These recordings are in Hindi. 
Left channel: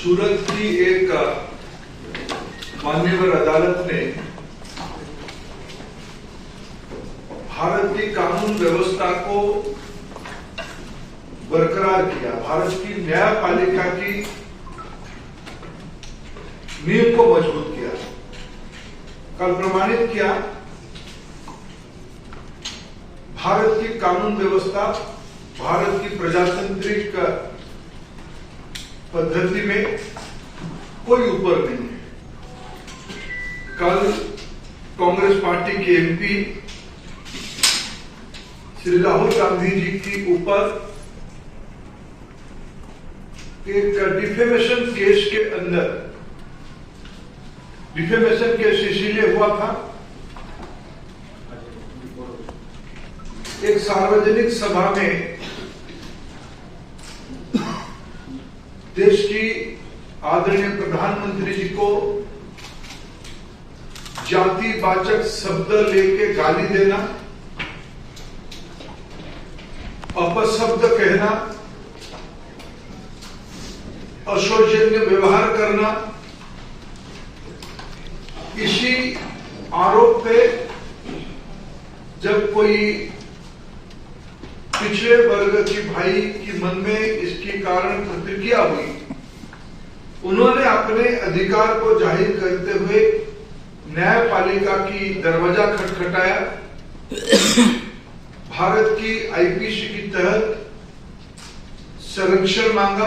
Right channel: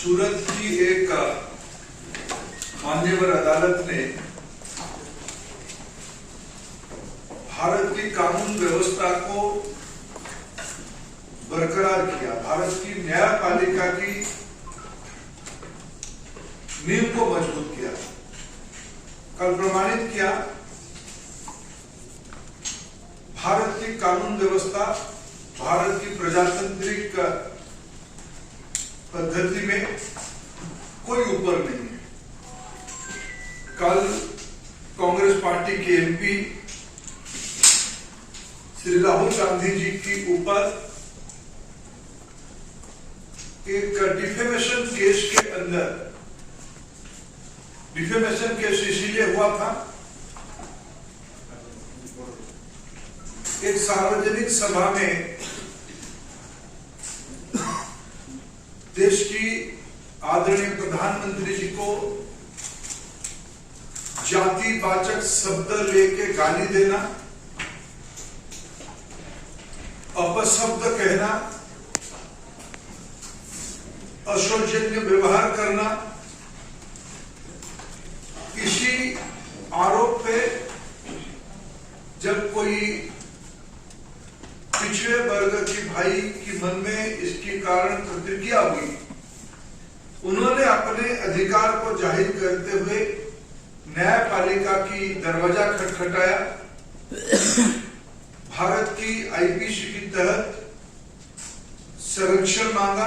सूरत की एक मान्यवर अदालत ने भारत की कानून व्यवस्था को बरकरार किया, भारत की न्यायपालिका की नींव को मजबूत किया। कल प्रमाणित किया भारत की कानून व्यवस्था भारत की प्रजातांत्रिक पद्धति में कोई ऊपर नहीं है। कल कांग्रेस पार्टी के एमपी श्री राहुल गांधी जी की ऊपर एक डिफेमेशन केस के अंदर, डिफेमेशन केस इसीलिए हुआ था, एक सार्वजनिक सभा में देश की आदरणीय प्रधानमंत्री जी को जातिवाचक शब्द लेके गाली देना, अपशब्द कहना, अशोचनीय व्यवहार करना, इसी आरोप पे जब कोई पिछड़े वर्ग की भाई की मन में इसके कारण प्रतिक्रिया हुई, उन्होंने अपने अधिकार को जाहिर करते हुए न्यायपालिका की दरवाजा खटखटाया, भारत की आईपीसी के तहत संरक्षण मांगा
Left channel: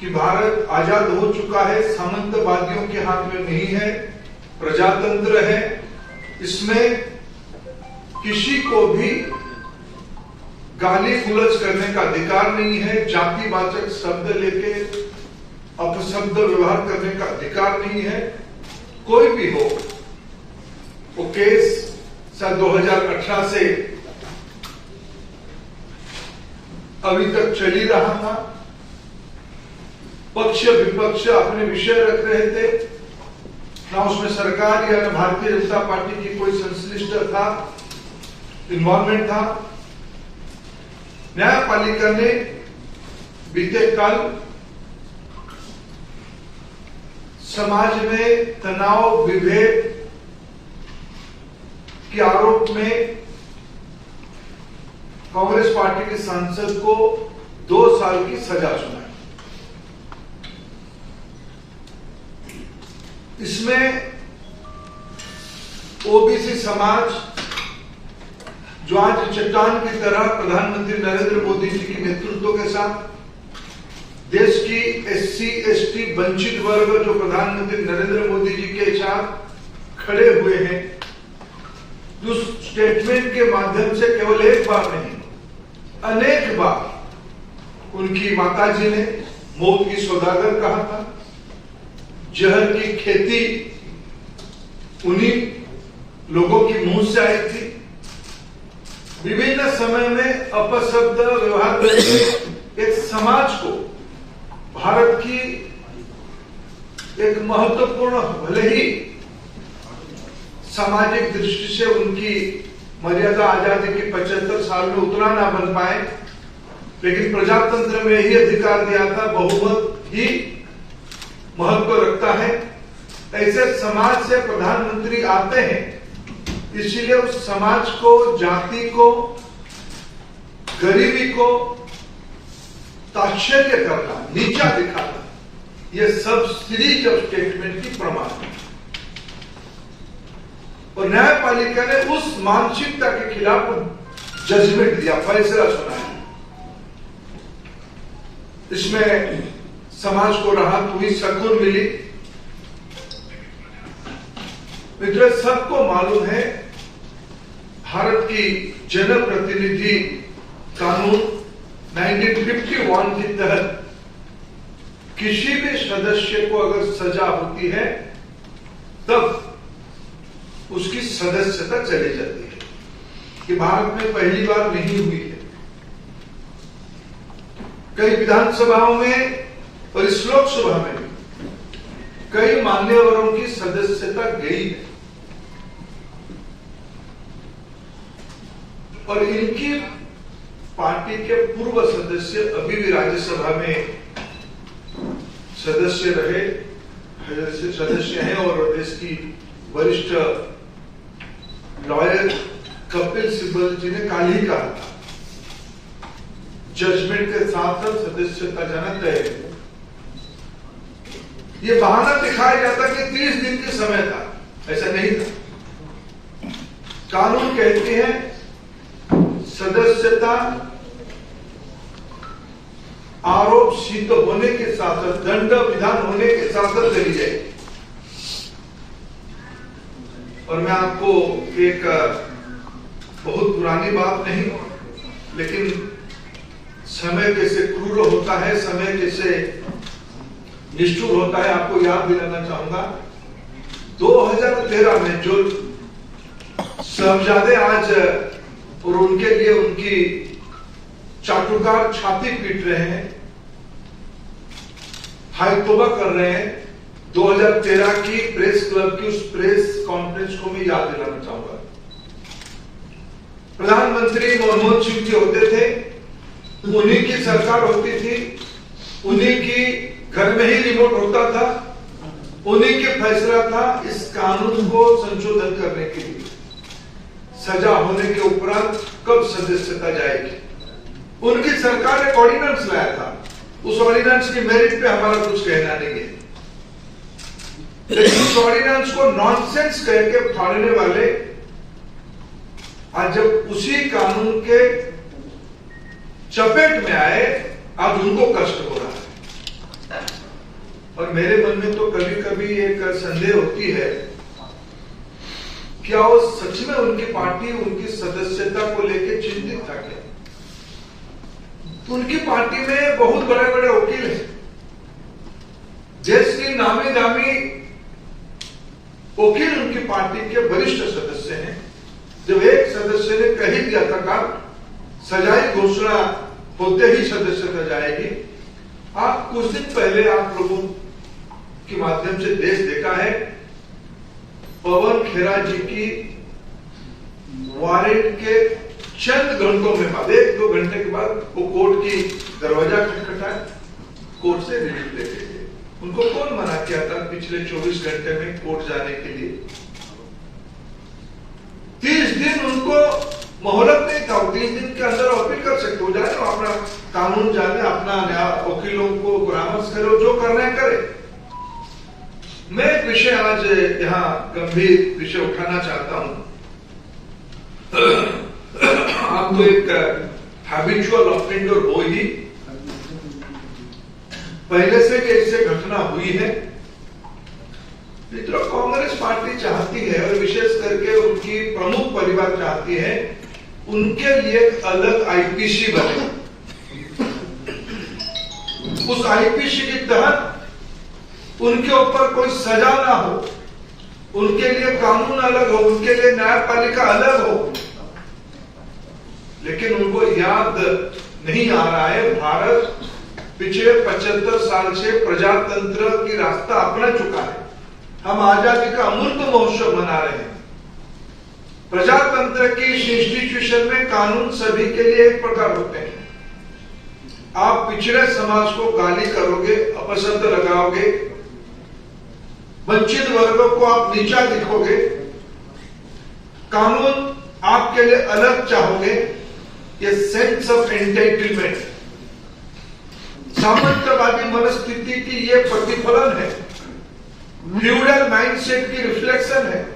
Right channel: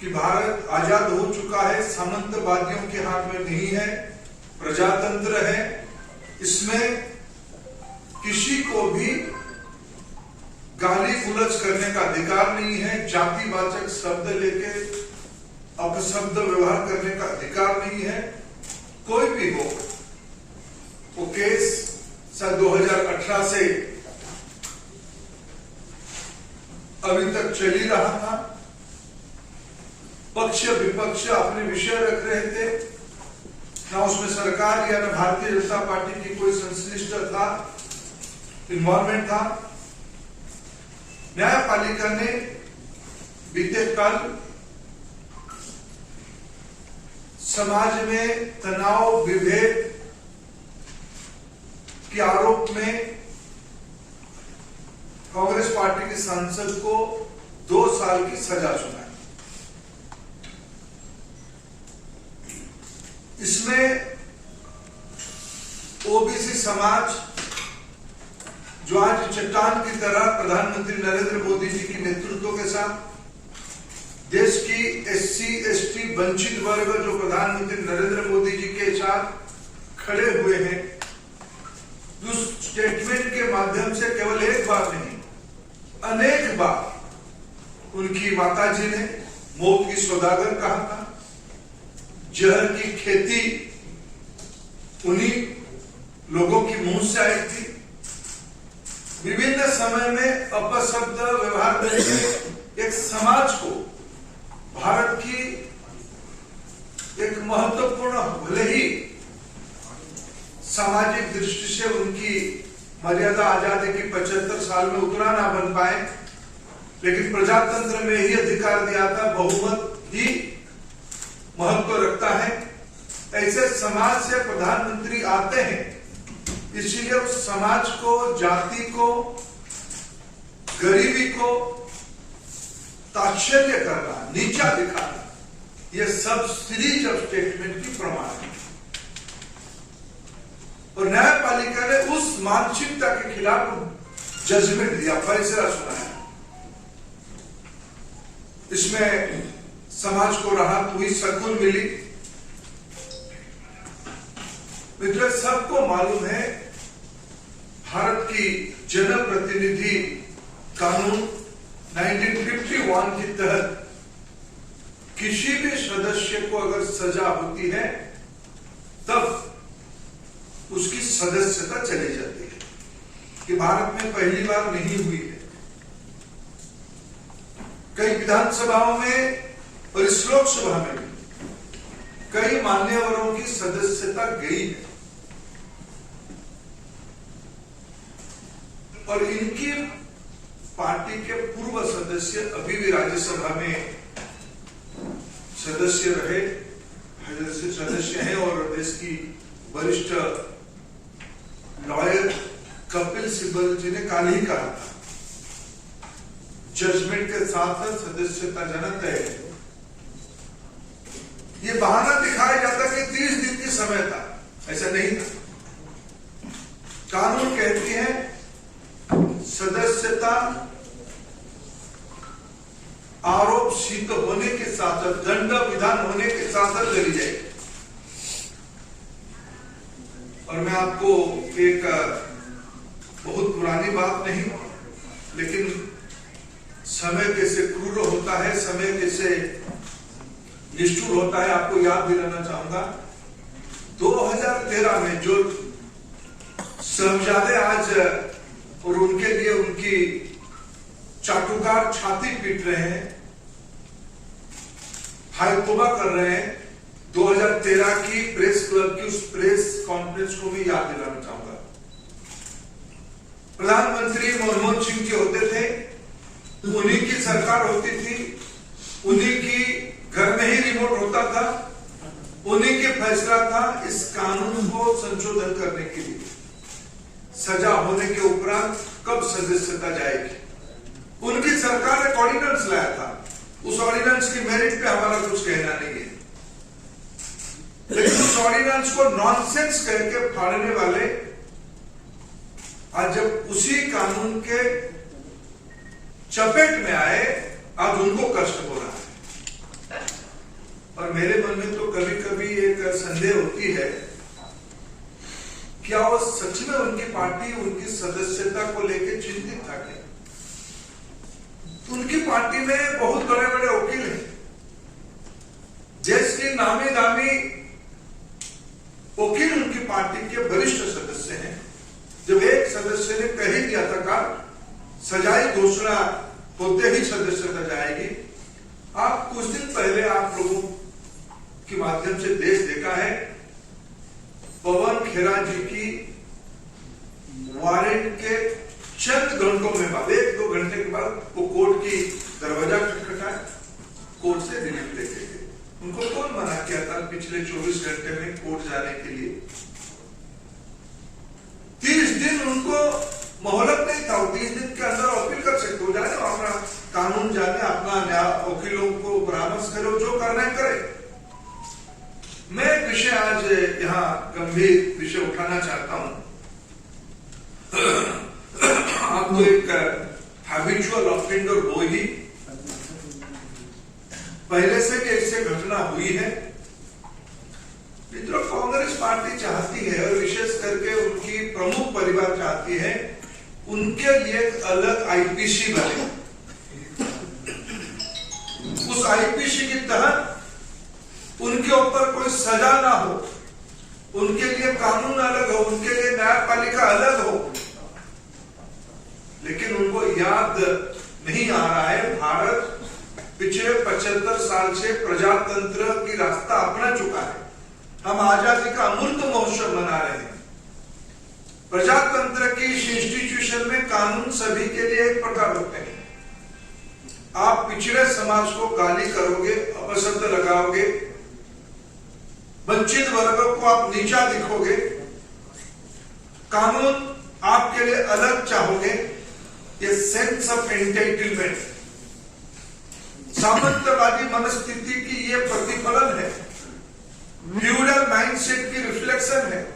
कि भारत आजाद हो चुका है, सामंतवादियों के हाथ में नहीं है, प्रजातंत्र है, इसमें किसी को भी गाली गुलज करने का अधिकार नहीं है, जातिवाचक शब्द लेके अपशब्द व्यवहार करने का अधिकार नहीं है। कोई भी हो, वो केस सन 2018 से अभी तक चल ही रहा था। पक्ष विपक्ष अपने विषय रख रहे थे, ना उसमें सरकार या भारतीय जनता पार्टी की कोई संश्लिष्ट था, इन्वॉल्वमेंट था। न्यायपालिका ने बीते कल समाज में तनाव विभेद के आरोप में कांग्रेस पार्टी के सांसद को 2 साल की सजा सुनाई। इसमें ओबीसी समाज जो आज चट्टान की तरह प्रधानमंत्री नरेंद्र मोदी जी के नेतृत्व के साथ, देश की एससी एसटी वंचित वर्ग जो प्रधानमंत्री नरेंद्र मोदी जी के साथ खड़े हुए हैं, जो स्टेटमेंट के माध्यम से केवल एक बार नहीं अनेक बार उनकी माताजी ने मौत की सौदागर कहा था, जहर की खेती उन्हीं लोगों की मुंह से आई थी। विभिन्न समय में अपशब्द व्यवहार करके एक समाज को, भारत की एक महत्वपूर्ण, भले ही सामाजिक दृष्टि से उनकी मर्यादा आजादी के 75 साल में उतना ना बन पाए, लेकिन प्रजातंत्र में यही अधिकार दिया था, बहुमत ही महत्व रखता है। ऐसे समाज से प्रधानमंत्री आते हैं, इसीलिए उस समाज को, जाति को, गरीबी को ताच्छल्य करना, नीचा दिखाना, यह सब सीरीज ऑफ स्टेटमेंट की प्रमाण है। और न्यायपालिका ने उस मानसिकता के खिलाफ जजमेंट दिया, फैसला सुनाया। इसमें समाज को राहत हुई, सुकून मिली। मित्रों, सबको मालूम है भारत की जनप्रतिनिधि कानून 1951 के तहत किसी भी सदस्य को अगर सजा होती है तब उसकी सदस्यता चली जाती है, कि भारत में पहली बार नहीं हुई है। कई विधानसभाओं में और इस लोकसभा में भी कई मान्यवरों की सदस्यता गई है, और इनकी पार्टी के पूर्व सदस्य अभी भी राज्यसभा में सदस्य रहे, सदस्य हैं और देश की वरिष्ठ लॉयर कपिल सिब्बल जी ने कल ही कहा था, जजमेंट के साथ सदस्यता जाना तय है। ये बहाना दिखाया जाता कि 30 दिन की समय था, ऐसा नहीं था। कानून कहती है सदस्यता आरोप सिद्ध होने के साथ, दंड विधान होने के साथ करी जाएगी। और मैं आपको एक बहुत पुरानी बात नहीं, लेकिन समय कैसे क्रूर होता है, समय कैसे निष्ठुर होता है, आपको याद दिलाना चाहूंगा। 2013 में जो साहबजादे आज और उनके लिए उनकी चाटुकार छाती पीट रहे हैं, हाय तौबा कर रहे हैं, 2013 की प्रेस क्लब की उस प्रेस कॉन्फ्रेंस को मैं याद दिलाना चाहूंगा। प्रधानमंत्री मनमोहन सिंह जी होते थे, उन्हीं की सरकार होती थी, उन्हीं की घर में ही रिमोट होता था, उन्हीं के फैसला था इस कानून को संशोधन करने के लिए। सजा होने के उपरांत कब सदस्यता जाएगी, उनकी सरकार ने ऑर्डिनेंस लाया था। उस ऑर्डिनेंस की मेरिट पे हमारा कुछ कहना नहीं है, लेकिन उस ऑर्डिनेंस को नॉनसेंस कह के फाड़ने वाले आज जब उसी कानून के चपेट में आए, आज उनको कष्ट हो रहा है। और मेरे मन में तो कभी कभी एक संदेह होती है, क्या वो सच में उनकी पार्टी उनकी सदस्यता को लेकर चिंतित था क्या? उनकी पार्टी में बहुत बड़े बड़े वकील हैं, देश के नामी दामी वकील उनकी पार्टी के वरिष्ठ सदस्य हैं। जब एक सदस्य ने कह ही दिया था कल सजाई घोषणा होते ही सदस्यता जाएगी। आप कुछ दिन पहले आप लोगों के माध्यम से देश देखा है, पवन खेरा जी की वारंट के चंद घंटों में बाद, 1-2 घंटे के बाद वो कोर्ट की दरवाजा खटखटाए, कोर्ट से रिलीफ लेके गए। उनको कौन मना किया था पिछले 24 घंटे में कोर्ट जाने के लिए? 30 दिन उनको मोहलत नहीं था, 30 दिन के अंदर अपील कर सकते हो, जाए अपना कानून जाने, अपना वकीलों को परामर्श करो, जो करना है करे। मैं एक विषय आज यहाँ गंभीर विषय उठाना चाहता हूं। आपको एक हैबिचुअल ऑफेंडर हो ही, पहले से ऐसे घटना हुई है। मित्रों, कांग्रेस पार्टी चाहती है और विशेष करके उनकी प्रमुख परिवार चाहती है उनके लिए अलग आईपीसी बने। उस आईपीसी के तहत उनके ऊपर कोई सजा ना हो, उनके लिए कानून अलग हो, उनके लिए न्यायपालिका अलग हो। लेकिन उनको याद नहीं आ रहा है, भारत पिछले 75 साल से प्रजातंत्र की रास्ता अपना चुका है। हम आजादी का अमृत महोत्सव मना रहे हैं। प्रजातंत्र की इंस्टीट्यूशन में कानून सभी के लिए एक प्रकार होते हैं। आप पिछड़े समाज को गाली करोगे, अपशब्द लगाओगे, वंचित वर्गों को आप नीचा दिखोगे, कानून आपके लिए अलग चाहोगे, ये सेंस ऑफ एंटाइटलमेंट, सामंतवादी मनस्थिति की ये प्रतिफलन है, फ्यूडल माइंडसेट की रिफ्लेक्शन है।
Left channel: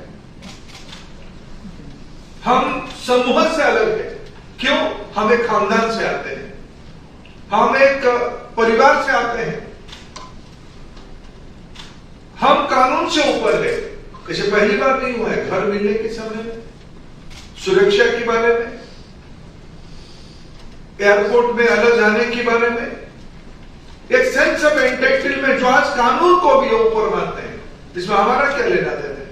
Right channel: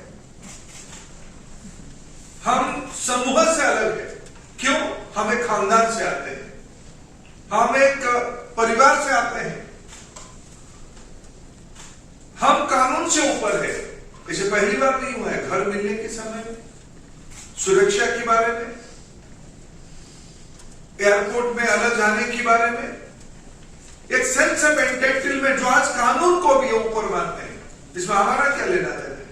हम समूह से अलग है। क्यों? हम एक खानदान से आते हैं, हम एक परिवार से आते हैं, हम कानून से ऊपर है। ऐसे पहली बार नहीं हुआ है। घर मिलने के समय में, सुरक्षा के बारे में, एयरपोर्ट में अलग जाने के बारे में, एक सेंस ऑफ एंटाइटलमेंट जो आज कानून को भी ऊपर मानते हैं, इसमें हमारा क्या लेना देना है?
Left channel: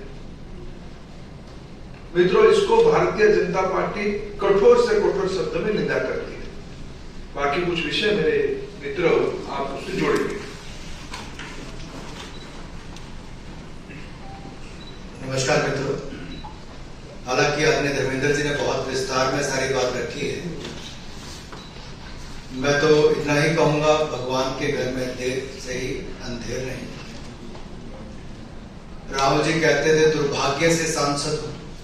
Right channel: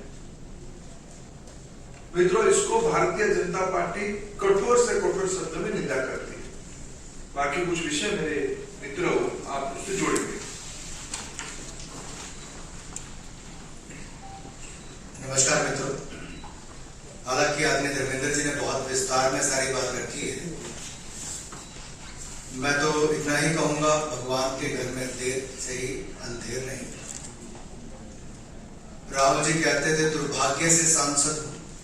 मित्रों, इसको भारतीय जनता पार्टी कठोर से कठोर शब्द में निंदा करती है। बाकी कुछ विषय मेरे मित्रों आप उससे जोड़ेंगे। नमस्कार मित्रों, हालांकि आदरणीय धर्मेंद्र जी ने बहुत विस्तार में सारी बात रखी है। मैं तो इतना ही कहूंगा, भगवान के घर में देर से ही अंधेरा। देर नहीं। राहुल जी कहते थे दुर्भाग्य से सांसद,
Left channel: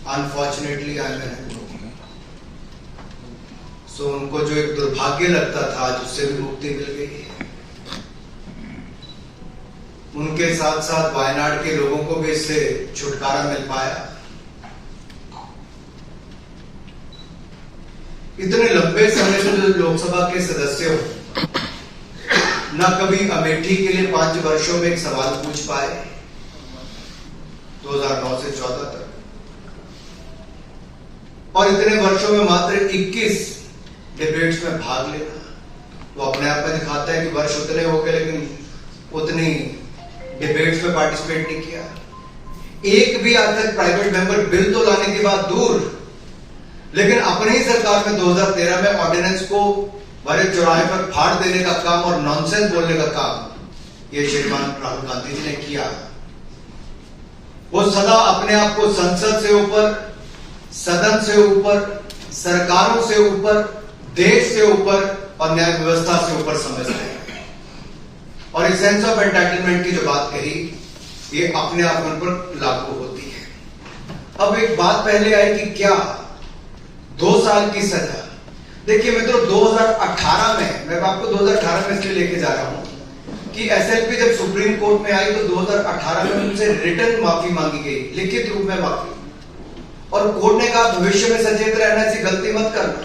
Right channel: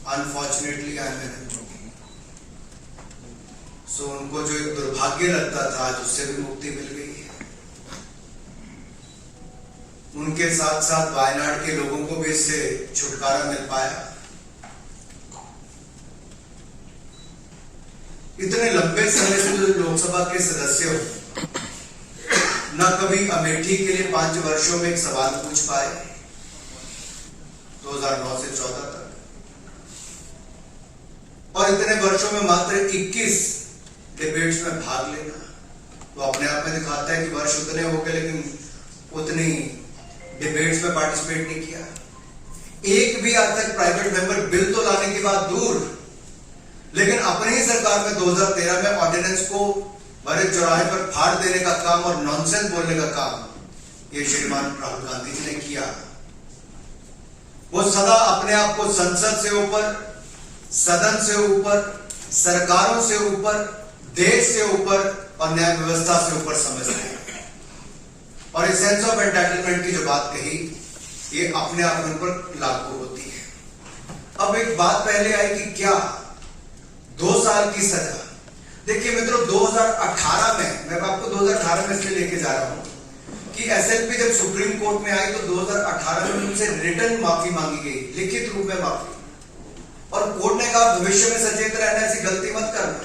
अनफॉर्चुनेटली आई एम एन। सो उनको जो एक दुर्भाग्य लगता था आज उससे भी मुक्ति मिल गई है। उनके साथ साथ वायनाड के लोगों को भी इससे छुटकारा मिल पाया। इतने लंबे समय से जो लोकसभा के सदस्य हो, न कभी अमेठी के लिए 5 वर्षों में एक सवाल पूछ पाए 2009 से 14 तक, और इतने वर्षों में मात्र 21 डिबेट्स में भाग लेना तो अपने आप में दिखाता है कि वर्ष उतने हो गए लेकिन उतनी डिबेट्स में पार्टिसिपेट नहीं किया। एक भी आज तक प्राइवेट मेंबर बिल तो लाने की बात दूर, लेकिन अपनी ही सरकार में 2013 में ऑर्डिनेंस को बड़े चौराहे पर फाड़ देने का काम और नॉनसेंस बोलने का काम ये श्रीमान राहुल गांधी जी ने किया। वो सदा अपने आप को संसद से ऊपर, सदन से ऊपर, सरकारों से ऊपर, देश से ऊपर और न्याय व्यवस्था से ऊपर समझते हैं। और इस सेंस ऑफ एंटाइटलमेंट की जो बात कही ये अपने आप उन पर लागू होती है। अब एक बात पहले आई कि क्या 2 साल की सजा। देखिए मित्रों, 2018 में, मैं आपको 2018 में इसलिए लेके जा रहा हूं कि एसएलपी जब सुप्रीम कोर्ट में आई तो 2018 में उनसे रिटर्न माफी मांगी गई, लिखित रूप में माफी, और कोर्ट ने कहा भविष्य में सचेत रहना, ऐसी गलती मत करना।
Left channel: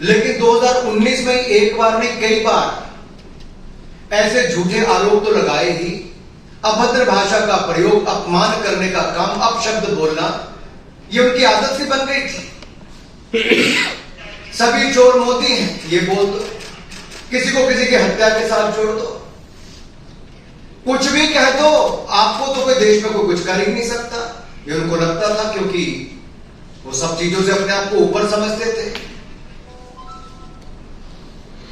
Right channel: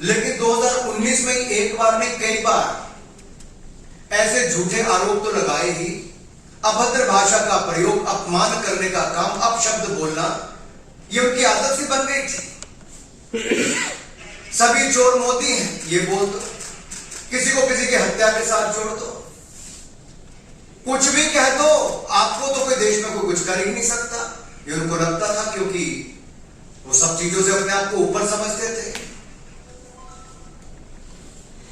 लेकिन 2019 में एक बार नहीं कई बार ऐसे झूठे आरोप तो लगाए ही। अभद्र भाषा का प्रयोग, अपमान करने का काम, अपशब्द बोलना, ये उनकी आदत सी बन गई थी। सभी चोर मोदी हैं ये बोल दो, किसी को किसी की हत्या के साथ जोड़ दो, कुछ भी कह दो, आपको तो कोई देश में कोई कुछ कर ही नहीं सकता। ये उनको लगता था क्योंकि वो सब चीजों से अपने आप को ऊपर समझते थे।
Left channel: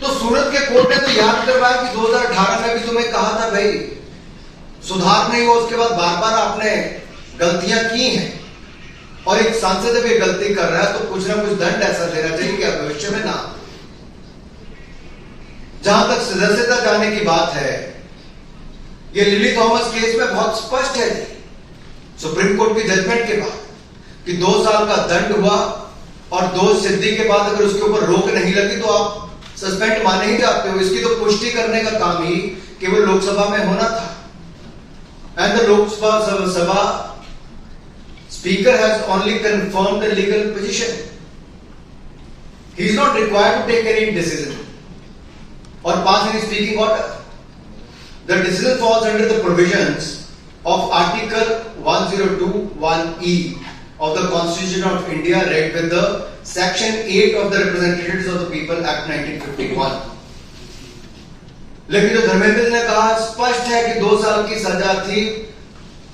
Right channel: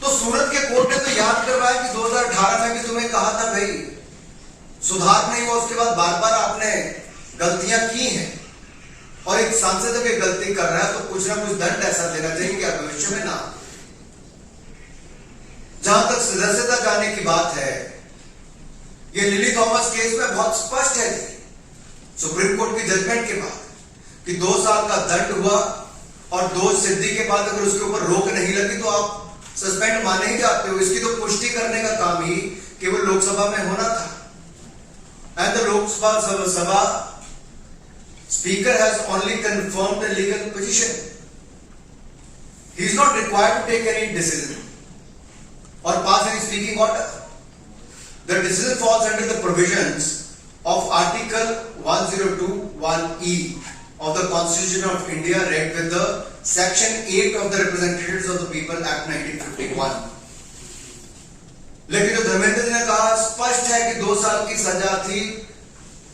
तो सूरत के कोर्ट ने तो याद करवाया कि 2018 में भी तुम्हें कहा था भाई सुधार नहीं हुआ, उसके बाद बार बार आपने गलतियां की हैं, और एक सांसद जब ये गलती कर रहा है तो कुछ ना कुछ दंड ऐसा देना चाहिए कि भविष्य में ना। जहां तक सदस्यता जाने की बात है, ये लिली थॉमस केस में बहुत स्पष्ट है सुप्रीम कोर्ट की जजमेंट के बाद कि 2 साल का दंड हुआ और दोष सिद्धि के बाद अगर उसके ऊपर रोक नहीं लगी तो आप सस्पेंड माने ही जाते हो। इसकी तो पुष्टि करने का काम ही केवल लोकसभा में होना था। And the Lok Sabha Speaker has only confirmed the legal position. He is not required to take any decision or pass any speaking order. The decision falls under the provisions of Article 1021E of the Constitution of India, read with the Section 8 of the Representatives of the People Act 1951. लेकिन जो धर्मेंद्र जी ने कहा स्पष्ट है कि 2 साल की सजा थी,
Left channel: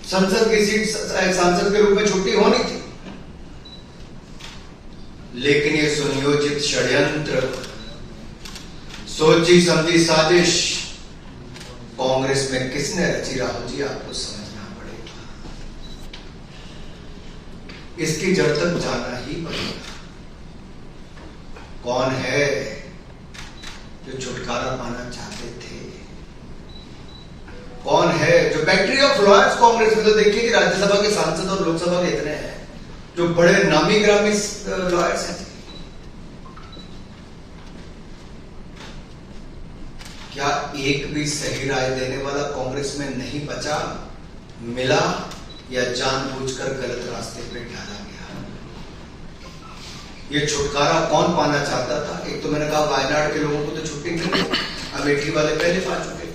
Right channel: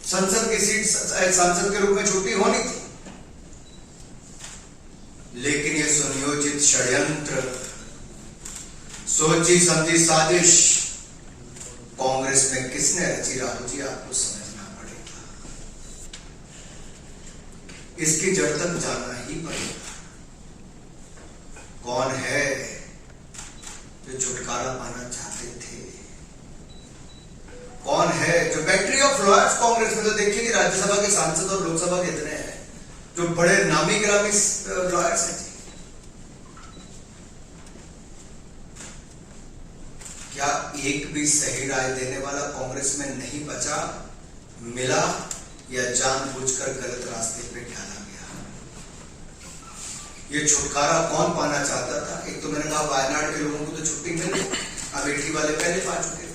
संसद की सीट सांसद के रूप में छुट्टी होनी थी। लेकिन ये सुनियोजित षड्यंत्र, सोची समझी साजिश कांग्रेस में किसने रची, राहुल जी आपको समझना पड़ेगा। इसकी जड़ तक जाना ही पड़ेगा। कौन है जो छुटकारा पाना चाहते थे? कौन है जो बैटरी ऑफ लॉयर्स कांग्रेस में? तो देखिए कि राज्यसभा के सांसद और लोकसभा के इतने हैं जो बड़े नामी ग्रामी लॉयर्स हैं। क्या एक भी सही राय देने वाला कांग्रेस में नहीं बचा, मिला, या जानबूझकर गलत रास्ते पे डाला गया? ये छुटकारा कौन पाना चाहता था? एक तो मैंने कहा वायनाड के लोगों को तो छुट्टी मिली, अमेठी वाले पहले पा चुके थे।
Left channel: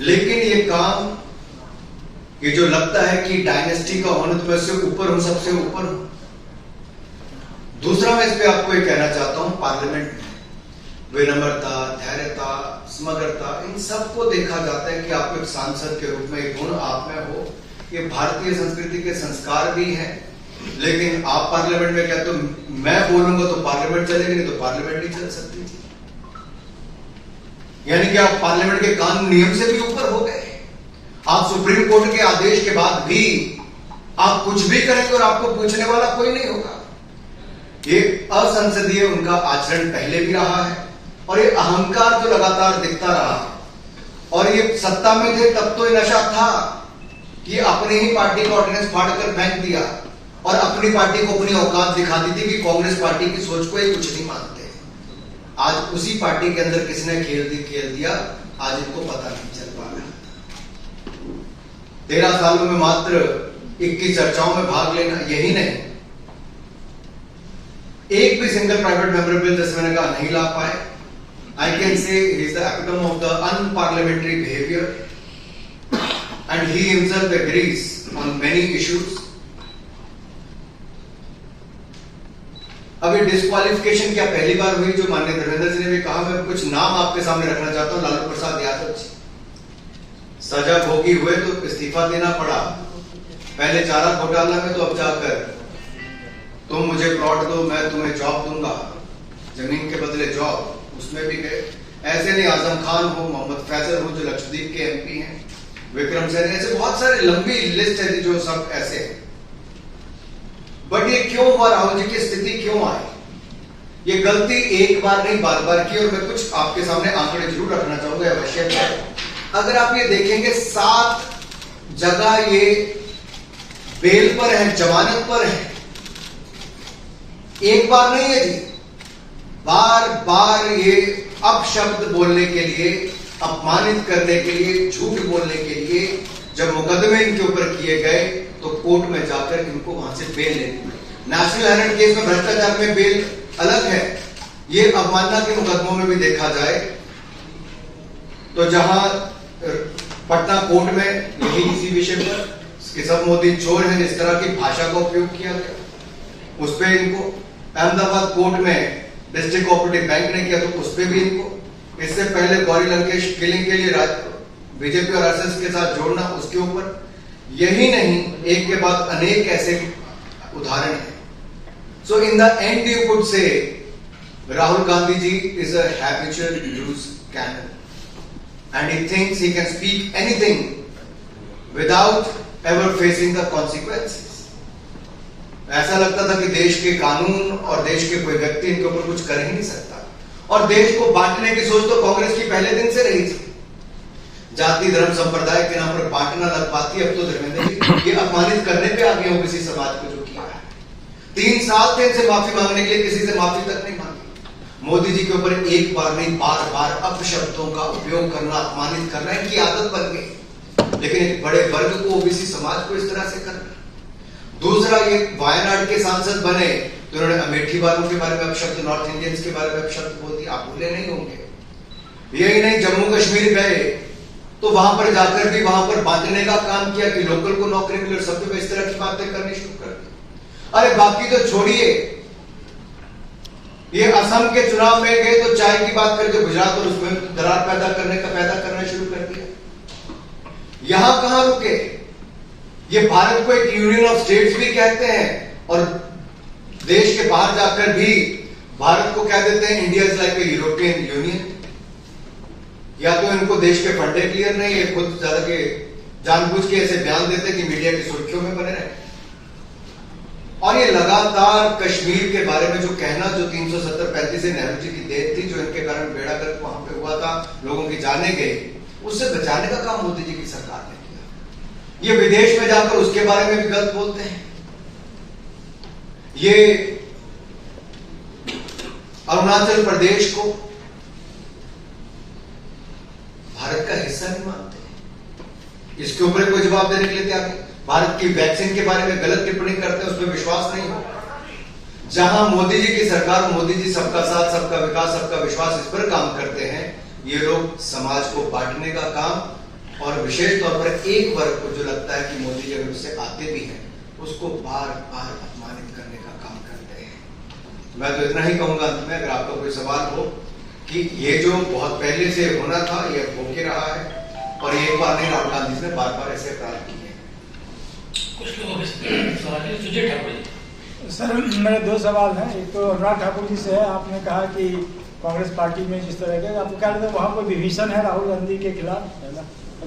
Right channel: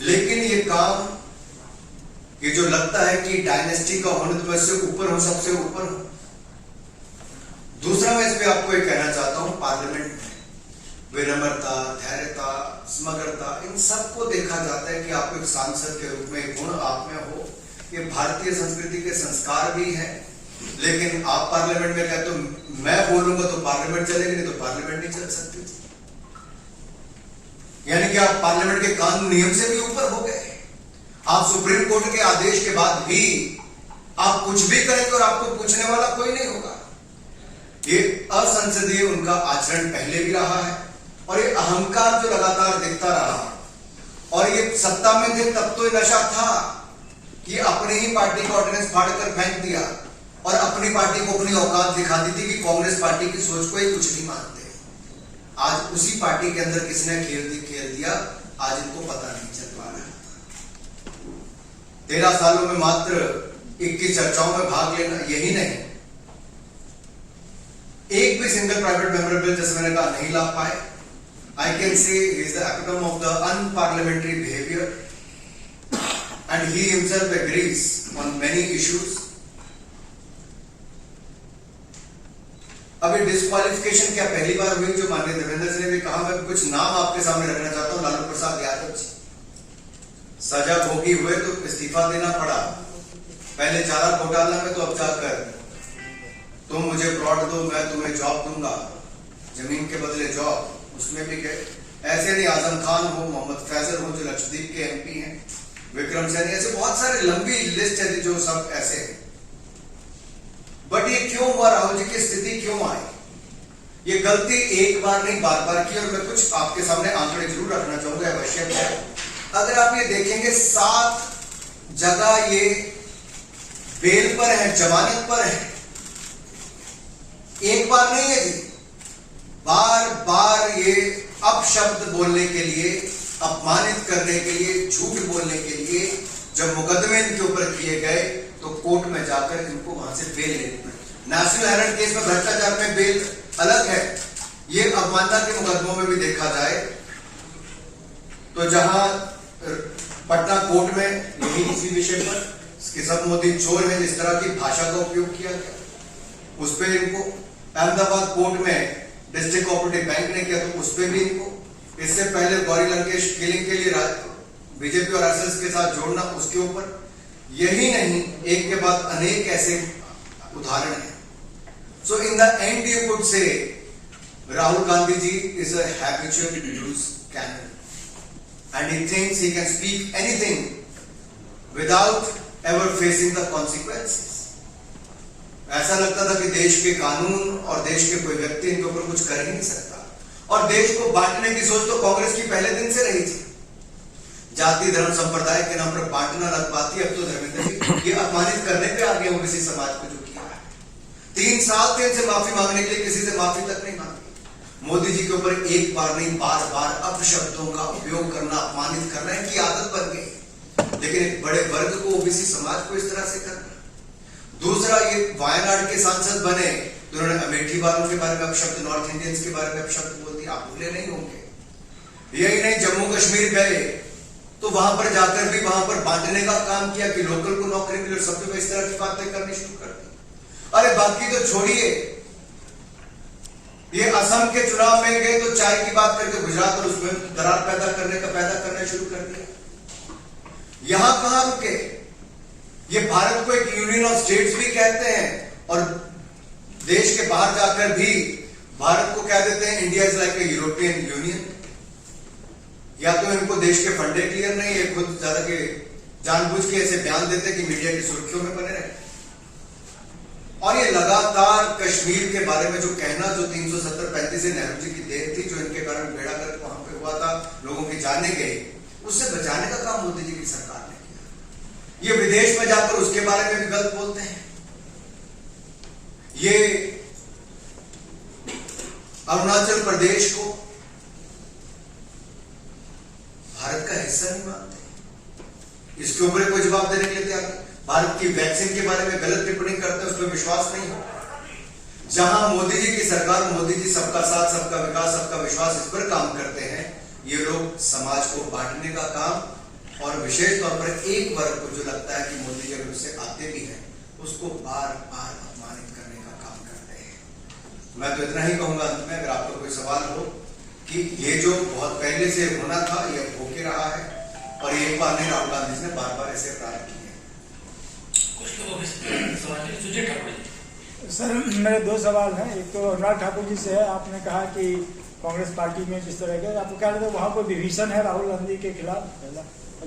लेकिन ये काम, ये जो लगता है कि डायनेस्टी का होने तो से ऊपर हो, सबसे ऊपर हो। दूसरा मैं इस पे आपको ये कहना चाहता हूं, पार्लियामेंट में विनम्रता, धैर्यता, समग्रता, इन सबको देखा जाता है कि आप एक सांसद के रूप में एक गुण आप में हो। ये भारतीय संस्कृति के संस्कार भी है। लेकिन आप पार्लियामेंट में कहते हो मैं बोलूंगा तो पार्लियामेंट चलेगी, नहीं तो पार्लियामेंट नहीं चल सकती। यानी कि आप पार्लियामेंट के कानून नियम से भी ऊपर हो गए। आप सुप्रीम कोर्ट के आदेश के बाद भी आप कुछ भी करेंगे और आपको पूछने वाला कोई नहीं होगा। ये असंसदीय उनका आचरण पहले भी रहा है, और ये अहंकार जो लगातार दिखता रहा और ये सत्ता में थे तब तो ये नशा था कि अपनी ही पार्टी को ऑर्डिनेंस फाड़कर फेंक दिया और अपनी पार्टी को अपनी औकात दिखाती थी कि कांग्रेस पार्टी की सोच को ये कुछ नहीं मानते। आज उसी पार्टी के अंदर किसने खेल दिया, आज इनको पता नहीं चल पा रहा। 13 सालों में मात्र 21 चर्चाओं में भाग लेना, यही नहीं एक भी सिंगल प्राइवेट मेंबर बिल जैसे मैंने कहा नहीं ला पाए। I can say he is the epitome of the unparliamentary behavior and he himself agrees on many issues. अभी डिस्क्वालिफिकेशन क्या पहली बार हुई जो माननीय धर्मेंद्र जी ने भी कहा। मैं कुछ नाम आपके सामने रखना चाहता हूं। लालू प्रसाद यादव जी, सजा भोगी हुए तो इस्तीफा देना पड़ा। पहले चारा घोटाला में तो अब जाकर तुम मुझे प्लॉट दो मैं तुम्हें जॉब दूंगा, जमीन के बदले जॉब, उसमें भी गए। ऐसे नहीं आजम खान हो, मोहम्मद फैजल हो जो लक्षद्वीप के एमपी हैं, विक्रम सैनी, ऐसे बहुत सारे लंबी लिस्ट है जो सब ऐसे हैं। बट ये क्यों हुआ, राहुल जी की स्थिति क्यों आई? ये गलती एक बार नहीं बार बार की। और मैं कुछ आपके सामने आंकड़े जरूर रखना चाहूंगा आवश्यक है। अगर आप ये देखेंगे 7 जगह ये बेल पर है, जमानत पर है। एक बार नहीं है जी, बार बार ये अपशब्द बोलने के लिए, अपमानित करने के लिए, झूठ बोलने के लिए जब मुकदमे इनके ऊपर किए गए तो कोर्ट में जाकर इनको वहां से बेल लेनी पड़ी। नेशनल हेराल्ड केस में भ्रष्टाचार में बेल अलग है, ये अवमानना के मुकदमों में भी देखा जाए तो जहां पटना कोर्ट में यही इसी विषय पर कि सब मोदी चोर हैं जिस तरह की भाषा का उपयोग किया गया, उस पर इनको अहमदाबाद कोर्ट में डिस्ट्रिक्ट कोऑपरेटिव बैंक ने किया तो उस पर भी इनको, इससे पहले गौरी लंकेश किलिंग के लिए बीजेपी और आरएसएस के साथ जोड़ना, उसके ऊपर। यही नहीं, एक के बाद अनेक ऐसे उदाहरण हैं। So in the end you could say Rahul Gandhi ji is a habitual news cannon and he thinks he can speak anything without ever facing the consequences. ऐसा लगता था कि देश के कानून और देश के कोई व्यक्ति इनके ऊपर कुछ कर ही नहीं सकता। और देश को बांटने की सोच तो कांग्रेस की पहले दिन से रही थी। जाति धर्म संप्रदाय के नाम पर बांटना लग पाती। अब तो धर्मेंद्र जी ये अपमानित करने पे आगे ओबीसी समाज को जो किया है। 3 साल थे इनसे माफी मांगने के लिए, किसी से माफी तक नहीं मांगी। मोदी जी के ऊपर एक बार नहीं बार बार अपशब्दों का उपयोग करना, अपमानित करना इनकी आदत बन गई। लेकिन एक बड़े वर्ग को, ओबीसी समाज को इस तरह से करना। दूसरा, ये वायनाड के सांसद बने तो उन्होंने अमेठी वालों के बारे में अपशब्द, नॉर्थ इंडियंस के बारे में अपशब्द बोल दिया। आप भूले नहीं होंगे। यही नहीं, जम्मू कश्मीर गए तो वहां पर जाकर भी वहां पर बांटने का काम किया कि लोकल को नौकरी मिले, सबको इस तरह की बातें करनी शुरू कर दी। अरे बाकी तो छोड़िए, ये असम के चुनाव में गए तो चाय की बात करके गुजरात और उसमें दरार पैदा करना शुरू कर दिया। यहां कहां रुके? ये भारत को एक यूनियन ऑफ स्टेट्स भी कहते हैं और देश के बाहर जाकर भी भारत को कह देते हैं India is like a European union. या तो इनको देश के फंडे क्लियर नहीं है, खुद ज्यादा के जानबूझ के ऐसे बयान देते कि मीडिया की सुर्खियों में बने रहे। और ये लगातार कश्मीर के बारे में जो कहना, जो 370-35 से नेहरू जी की देन थी, जो इनके कारण बेड़ा गर्क वहां पे हुआ था, लोगों की जाने गई, उससे बचाने का काम मोदी जी की सरकार ने किया। ये विदेश में जाकर उसके बारे में भी गलत बोलते हैं। ये अरुणाचल प्रदेश को भारत का हिस्सा नहीं मानते, इसके ऊपर कोई जवाब देने के लिए तैयार नहीं। भारत की वैक्सीन के बारे में गलत टिप्पणी करते हैं, उस पर विश्वास नहीं हो। जहां मोदी जी की सरकार, मोदी जी सबका साथ सबका विकास सबका विश्वास इस पर काम करते हैं, ये लोग समाज को बांटने का काम और विशेष तौर पर एक वर्ग को जो लगता है कि मोदी जी अगर उससे आते भी हैं उसको बार बार अपमानित करने का काम करते हैं। मैं तो इतना ही कहूंगा अंत में, अगर आपका कोई सवाल हो कि ये जो बहुत पहले से होना था ये होके रहा है और ये एक बार नहीं, राहुल गांधी जी ने बार बार ऐसे अपराध किए। कुछ लोगों के सुजय ठाकुर सर, मेरे 2 सवाल हैं। एक तो अनुराग ठाकुर जी से है। आपने कहा कि कांग्रेस पार्टी में जिस तरह के आपको क्या लगता है वहाँ कोई विभीषण है राहुल गांधी के खिलाफ?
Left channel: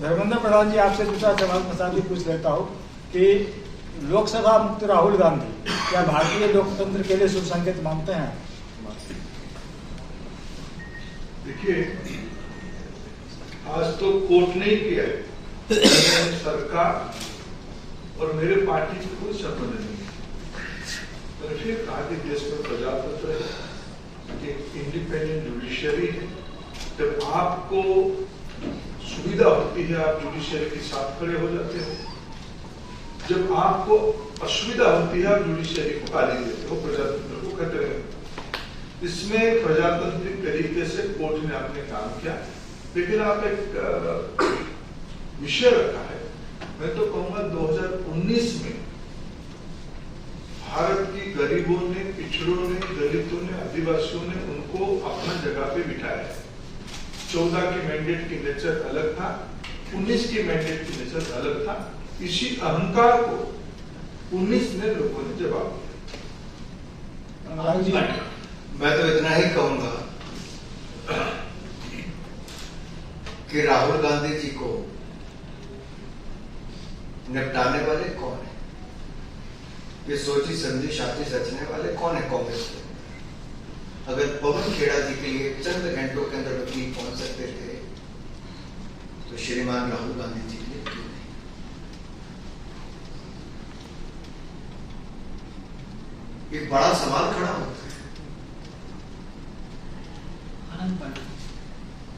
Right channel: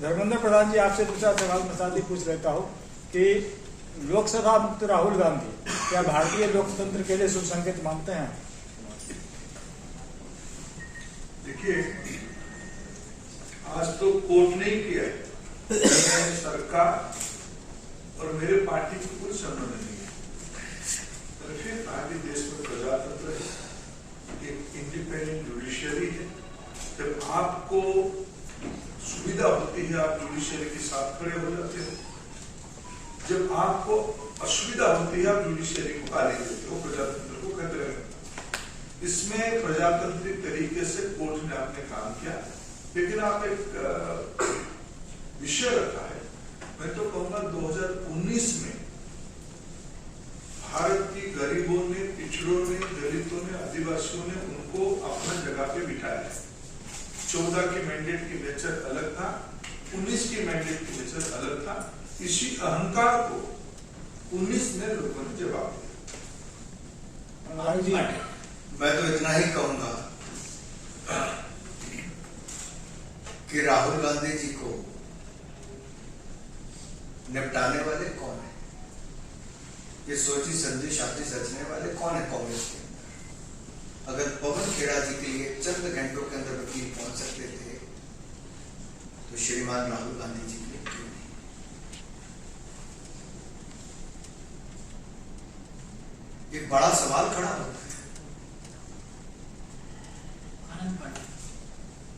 धर्मेंद्र प्रधान जी, आपसे दूसरा सवाल मैं साथ ही पूछ लेता हूँ कि लोकसभा मुक्त राहुल गांधी क्या भारतीय लोकतंत्र के लिए शुभ संकेत मानते हैं? देखिए, आज तो कोर्ट ने ही किया है, मैंने सरकार और मेरे पार्टी से कोई संबंध नहीं है। मैंने फिर कहा कि देश में प्रजातंत्र है, एक इंडिपेंडेंट जुडिशियरी है। जब आपको सुविधा होती है आप जुडिशियरी के साथ खड़े हो जाते हो, जब आपको असुविधा होती है आप जुडिशियरी को गाली देते हो, प्रजातंत्र को खतरे में। इसमें प्रजातांत्रिक तरीके से कोर्ट ने अपने काम किया, लेकिन आप एक विषय रखा है। मैं तो कहूंगा 2019 में भारत की गरीबों ने, पिछड़ों ने, दलितों ने, आदिवासियों ने उनको अपना जगह पे बिठाया है। 14 की मैंडेट की नेचर अलग था, 19 की मैंडेट की नेचर अलग था। इसी अहंकार को 19 में लोगों ने जवाब दिया। मैं तो इतना ही कहूंगा कि राहुल गांधी जी को निपटाने वाले कौन है? ये सोची समझी शादी रचने वाले कौन है कांग्रेस में? अगर पवन खेड़ा जी के लिए चंद घंटों के अंदर वकील पहुंच सकते थे तो श्रीमान राहुल गांधी जी के लिए क्यों नहीं? एक बड़ा सवाल खड़ा होता है।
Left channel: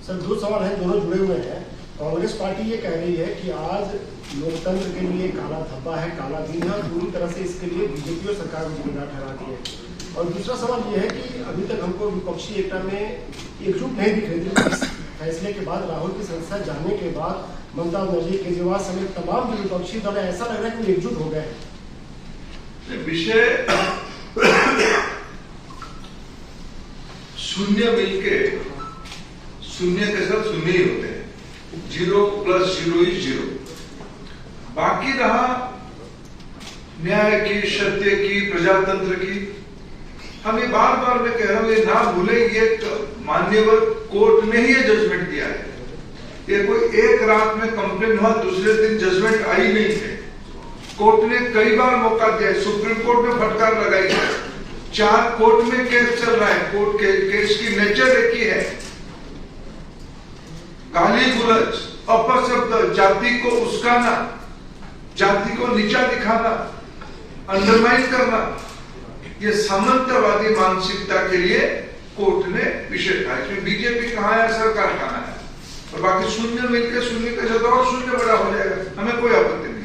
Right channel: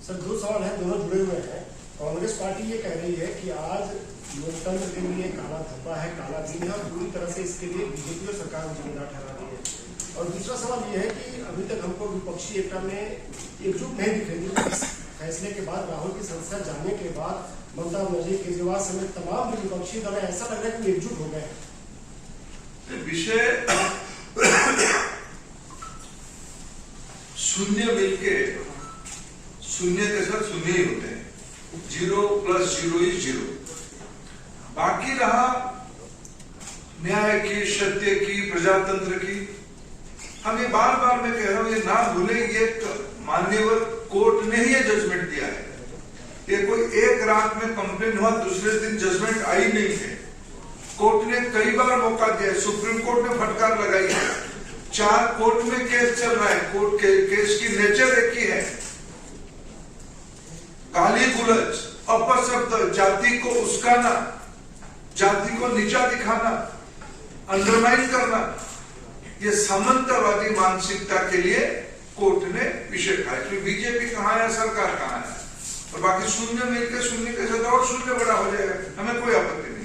सर दो सवाल है, दोनों जुड़े हुए हैं। कांग्रेस पार्टी ये कह रही है कि आज लोकतंत्र के लिए काला धब्बा है, काला दिन है और पूरी तरह से इसके लिए बीजेपी और सरकार को जिम्मेदार ठहराती है। और दूसरा सवाल ये है कि अभी तक हमको विपक्षी एकता में एकजुट नहीं दिख रही थी। इस फैसले के बाद, राहुल की संसद जाने के बाद ममता बनर्जी, केजरीवाल समेत तमाम जो विपक्षी दल है, ऐसा लग रहा है कि वो एकजुट हो गए हैं। विषय शून्य मिलके शून्य के साथ शून्य ही होते हैं, 0 + 0 = 0। बाकी रहा न्याय की, सत्य की, प्रजातंत्र की। हम ये बार बार मैं कह रहा हूं, ये ना भूलें, ये मान्यवर कोर्ट ने ही ये जजमेंट दिया है। ये कोई एक रात में कंप्लेन हुआ, दूसरे दिन जजमेंट आई नहीं है। कोर्ट ने कई बार मौका दिया है, सुप्रीम कोर्ट ने फटकार लगाई है। 4 कोर्ट में केस चल रहा है, कोर्ट के केस की नेचर एक ही है, गाली गुलज, अपशब्द, जाति को उस्काना, जाति को नीचा दिखाना, अंडरमाइन करना, ये सामंतवादी मानसिकता के लिए कोर्ट ने विषय कहा। इसमें बीजेपी कहां है, सरकार कहां है, और बाकी शून्य मिलकर शून्य के साथ और शून्य बड़ा हो जाएगा, हमें कोई आपत्ति नहीं।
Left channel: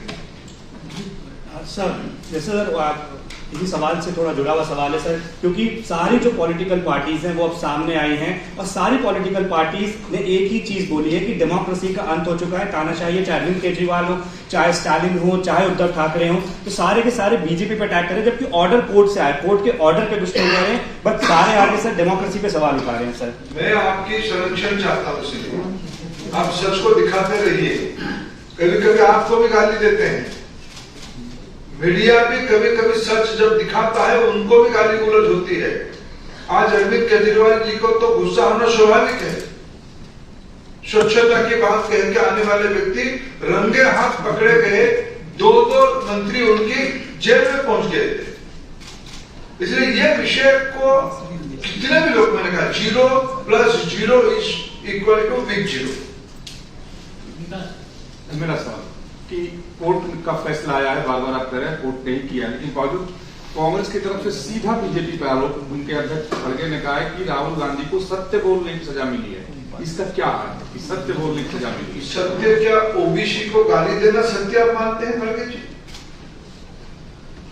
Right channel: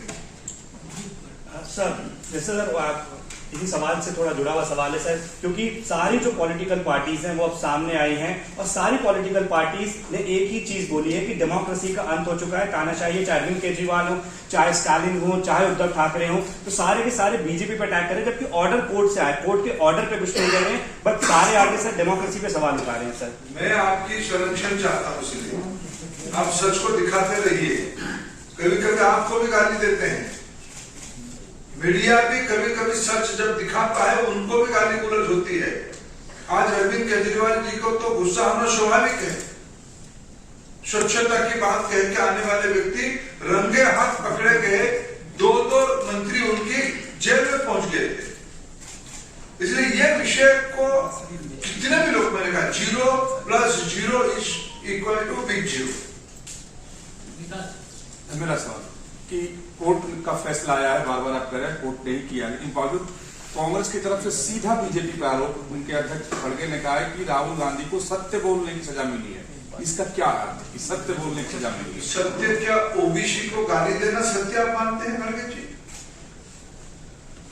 सर जैसे सर आप इसी सवाल से थोड़ा जुड़ा हुआ सवाल है सर, क्योंकि सारी जो पॉलिटिकल पार्टीज हैं वो अब सामने आई हैं और सारी पॉलिटिकल पार्टीज ने एक ही चीज बोली है कि डेमोक्रेसी का अंत हो चुका है, तानाशाही, चाहे अरविंद केजरीवाल हो, चाहे स्टालिन हो, चाहे उद्धव ठाकरे हो, तो सारे के सारे बीजेपी पे अटैक कर रहे हैं, जबकि ऑर्डर कोर्ट से आया, कोर्ट के ऑर्डर पे कुछ नहीं कर रहे हैं, बट सारे आगे सर डेमोक्रेसी पे सवाल उठा रहे हैं। सर मैं आपकी संरक्षण चाहता हूं, इसलिए आप सच को दिखाते रहिए। कभी कभी आपको भी गाली देते हैं, मीडिया भी कभी कभी सच जब दिखाता है उनको भी गाली गुलज होती है। आज अरविंद केजरीवाल जी को तो गुस्सा होना स्वाभाविक है। स्वच्छता की बात कह के आने वाले व्यक्ति रंगे हाथ पकड़े गए, 2 मंत्री उनकी जेल में पहुंच गए थे। इसलिए ये विषय को कितने भी लोग, मैंने कहा 0 + 0 = बिग 0। मेरा सवाल कि कोर्ट का फैसला आया है, बार बार आप कह रहे हैं कोर्ट ने ही किया, लेकिन बावजूद कांग्रेस की तरफ से सीधा बीजेपी पे आरोप, उनके अध्यक्ष खड़गे ने कहा है कि राहुल गांधी को सत्य बोलने की सजा मिली है। इसका क्या है कि सत्य बोलने की सजा मिली? सत्य क्या ओबीसी को गाली देना सत्य आप मानते हैं खड़गे जी?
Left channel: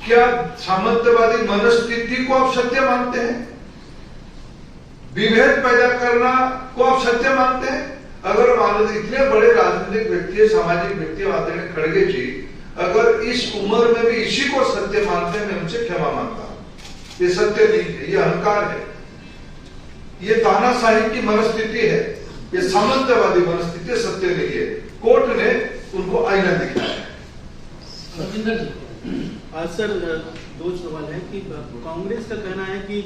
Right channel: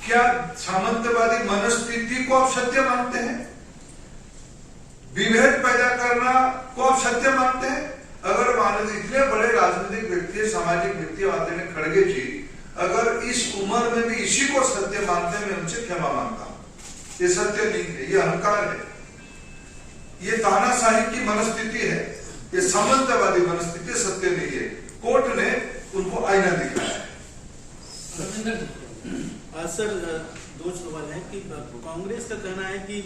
क्या सामंतवादी मनस्थिति को आप सत्य मानते हैं? विभेद पैदा करना को आप सत्य मानते हैं? अगर इतने बड़े राजनीतिक व्यक्ति, सामाजिक व्यक्ति आदरणीय खड़गे जी अगर इस उम्र में भी इसी को सत्य मानते हैं, मैं उनसे क्षमा मांगता हूं। ये सत्य नहीं है, ये अहंकार है, ये तानाशाही की मनस्थिति है, ये सामंतवादी मनस्थिति सत्य नहीं है। कोर्ट ने उनको आईना दिखाया है। रविंदर जी सर 2 सवाल है कि कांग्रेस का कहना है कि